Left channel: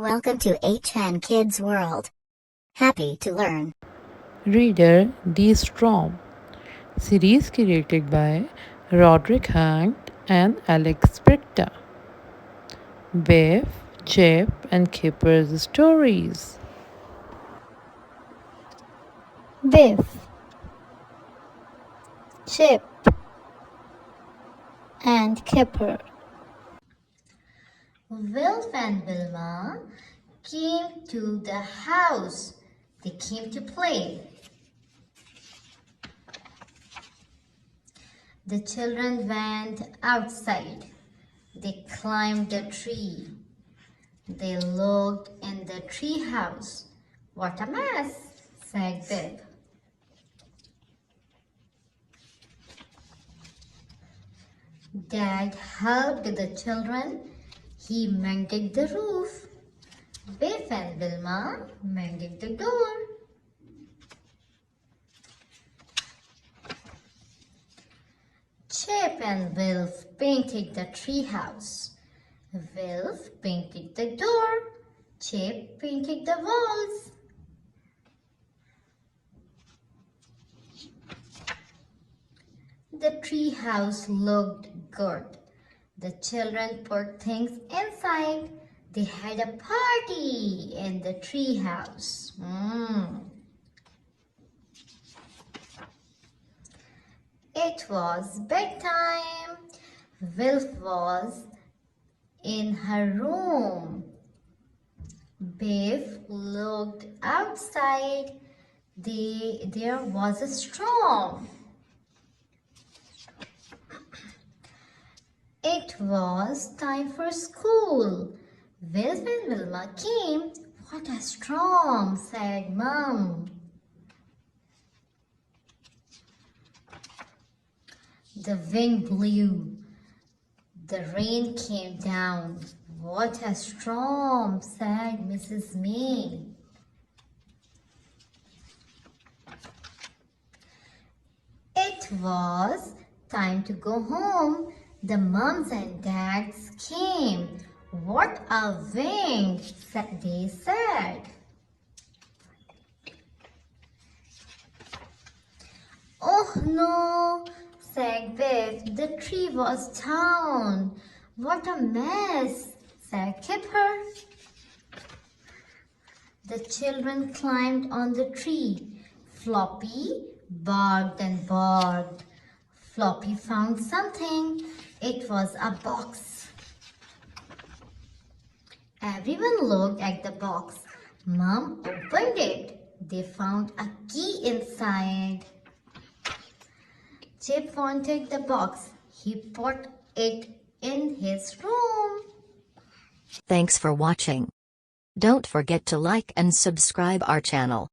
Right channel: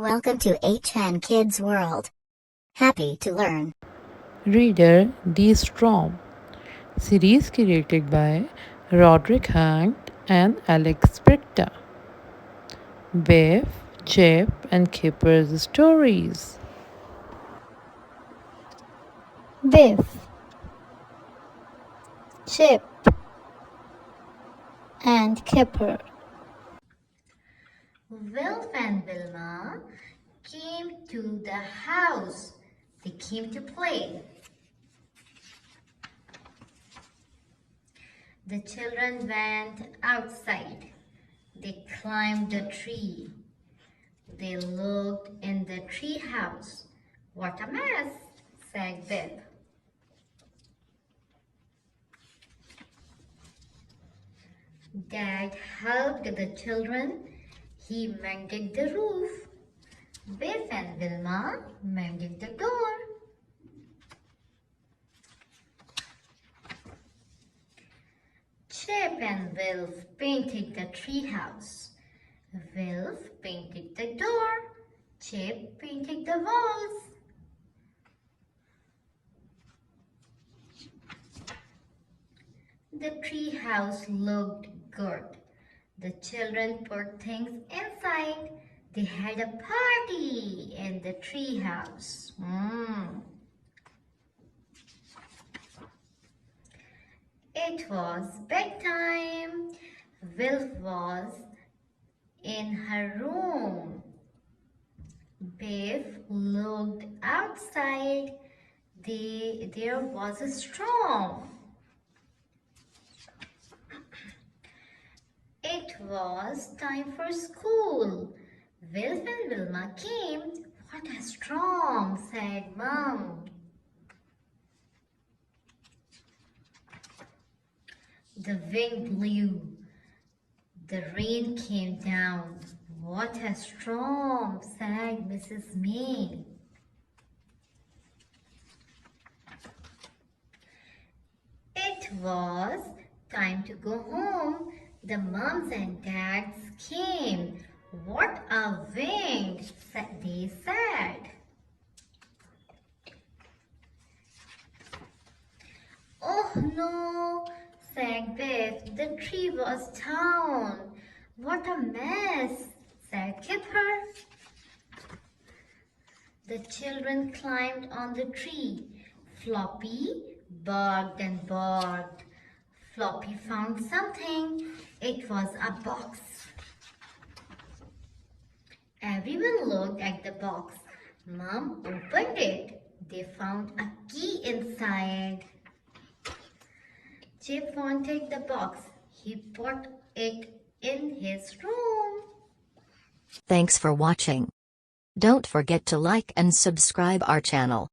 Welcome to HN Kids World. Happy to learn. Reader The Strom. Series created by Roderick and Alex Brychta. Biff, Chip, and Kipper's stories. Biff, Chip, and Kipper. Wilf and Wilma came to the house. They came to play. The children went outside. They climbed the tree. They looked in the tree house. What a mess, said Biff. Dad helped the children. He mended the roof. Biff and Wilma mended the door. Chip and Wilf painted the tree house. Wilf painted the door. Chip painted the walls. The tree house looked good. The children put things inside. They had a party in the tree house. It was bedtime. Wilf was in her room. Biff looked outside. There was a storm. It was time for school. Wilf and Wilma came. What a storm, said Mom. The wind blew. The rain came down. What a storm, said Mrs. May. It was time to go home. The mums and dads came. What a wind, they said. Oh no, said Biff. The tree was down. What a mess, said Kipper. The children climbed on the tree. Floppy barked and barked. Floppy found something. It was a box. Everyone looked at the box. Mom opened it. They found a key inside. Chip wanted the box. He put it in his room. Thanks for watching. Don't forget to like and subscribe our channel.